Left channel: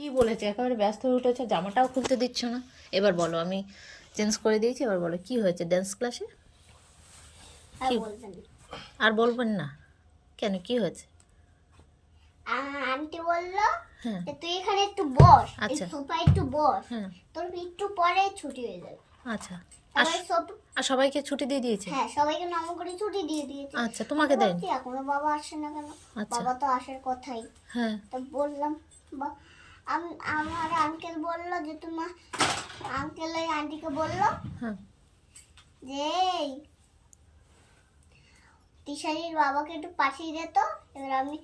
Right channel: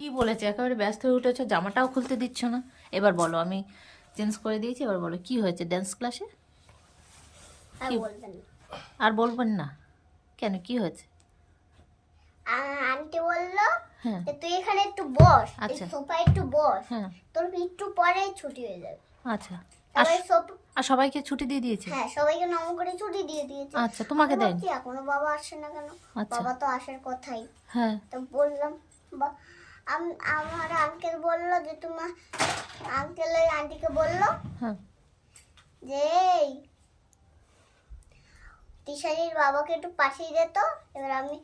কি বলেছে, একেবারে ব্যস্ত হয়ে উঠেছো, জামাটাও খুলতে দিচ্ছ না। এবার বলো, আমি চেঞ্জ করে দিয়েছি, এবার বলো কি হয়েছে ডান্স ক্লাসে। কি আর বলবেন না কেন, কি হয়েছে? আন্টি বললো হ্যাঁ যে তুই এখানে একটু বস, এই আচ্ছা সোফায় একটু বস, হ্যাঁ তোর একটু পরেই ছুটি হয়ে যাবে। আচ্ছা। আর তারপরে আর সবাইকে ছুটি দিয়ে দিয়েছে? হ্যাঁ, সবাইকে নম করে ছুটি দিয়ে দিয়েছে। আচ্ছা, তোমাকে দেয়নি? এখনো বাবা আসে না কেন? আচ্ছা বাবা তো আসার কথাই। হ্যাঁ তো বললাম আমার আঙ্কেল বললো যে তোমার আঙ্কেল ওই আন্টিকে বললো হ্যাঁ যে তিশালির বাবাকে একটু পাঠিয়ে দে তো। এবার আমি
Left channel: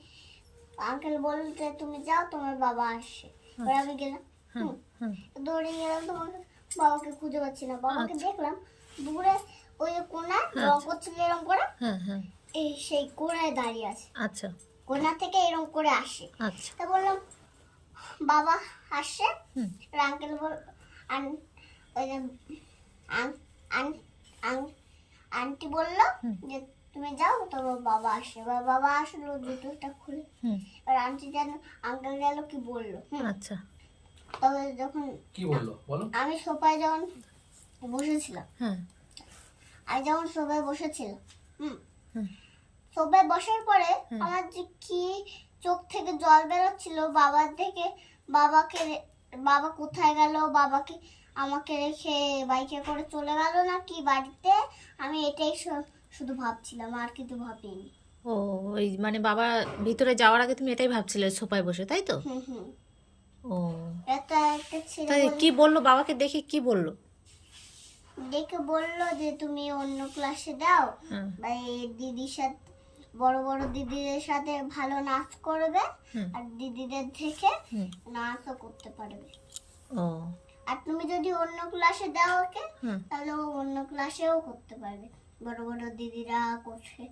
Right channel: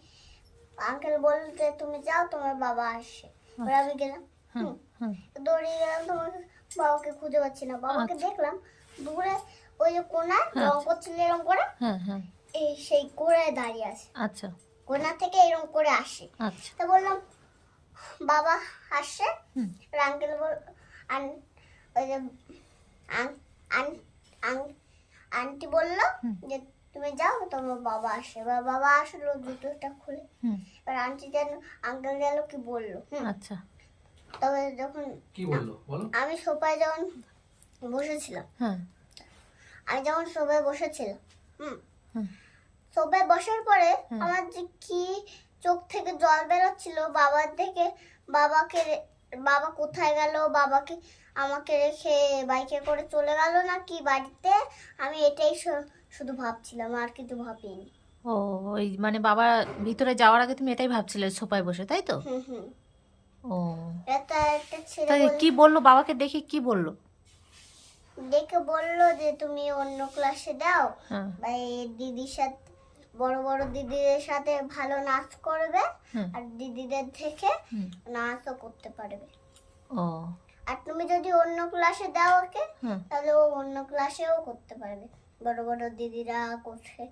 আঙ্কেল বলল যে তুমি যাও, তোমার বাবা আসছে। এবার আমি গেলাম, হুম হুম দৌড়ে গেলাম, তোমার বাবাকে খুঁজে পাচ্ছি না। বাবাকে দেখলাম দূরে ওই যে কোনায় রং করছিল এরকম করে, হ্যাঁ হ্যাঁ এই সেই কোনায় দাঁড়িয়ে আছে। আচ্ছা কোনা থেকে এরকম করে আসে। আচ্ছা তো বললাম বাবা আসছে। হুম আঙ্কেল বল ওই যে আন্টি বললো যে তুমি যাও, তোমার বাবা আসে। এবার বাবা আসলো, জুতোটা খুলে। হুম এবার আন্টি যেন আঙ্কেল যেন কি বললো। আচ্ছা তবে যখন কি বললো বলো। আমি সোফায় যখন বসেছিলাম, হ্যাঁ আমি যখন সোফায় বসেছিলাম, হুম সোফায় বসার পরে আমার যে কি চোখ থেকে জল বেরোচ্ছিল বাবার থেকে। বাবা কোথায় গেল, বাবাকে আমাকে রেখে বাইকে করে চলে গেল নাকি বাড়িতে, আমি এটাই শুধু ভাবছিলাম, আর কিছু ভাবিনি। ও, ওই মানে বাবা ভিতরে যাওয়ার আগে তুমি এটাই ভাবছিলে সোফায় বসে, তাই তো? হুম ও, একটা ছেলে তাই কি বললো বাবাকে দেখে, কি বললো? দেখে বললো যে তুমি অন্য ক্লাসে দাও, হ্যাঁ বা এই দিদির সাথে, বড় বড় দিদিদের সাথে ভালো নাচ করবে, হুম আর দিদিদের থেকে হুম নাচও করতে পারবে। ও আর তুমি যদি অন্য ক্লাসে দাও ওকে, হুম তাহলে ও অন্য ক্লাসেও করতে পারবে। বড় বড় দিদিরা করছে,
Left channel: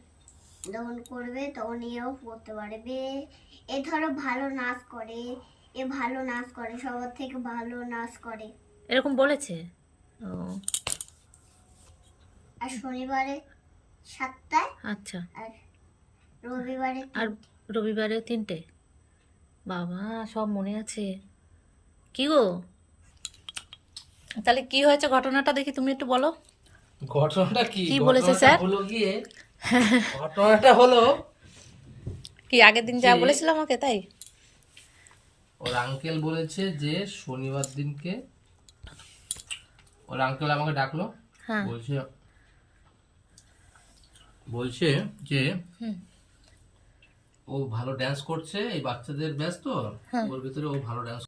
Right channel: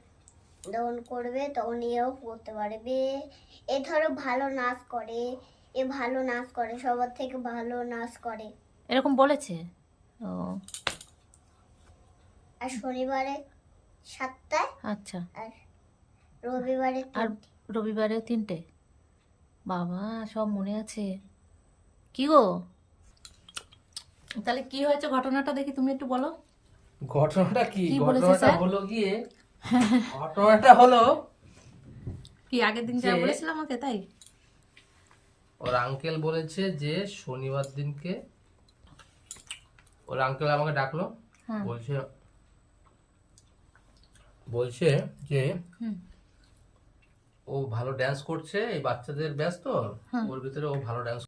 যখন করবে তখন এও করতে পারবে। এ ধরো ভালো নাচ করে, এ ভালো নাচ করে, সবার থেকে ভালো নাচ করে। এরকম বলেছে? ও আর শনিবারে 7টায়, আচ্ছা। আর রবিবারে আর রবিবারেও 3টে? বাবা, সব মনে আছে। কি গো, তাহলে কি হয়েছে ঘটনাটা দেখি তুমি একটু বলো। ঘটনাটা কি? কি বলেছে ঘটনাটা স্যার? হলো গিয়ে ঘটনাটা হলো কি আগের দিন যা যে- বলেছিল আমাকে তাই? ওর আঙ্কেল বলেছে যে শনিবার দিনকে ওর আঙ্কেল আমাকে ডাকলো, হ্যাঁ বলছে বলছে যে হুম ও ভালো ড্যান্স করছে, এই বাচ্চাদের ব্যাচ তো, হ্যাঁ। ওর ভিতরে ও ভালো ড্যান্স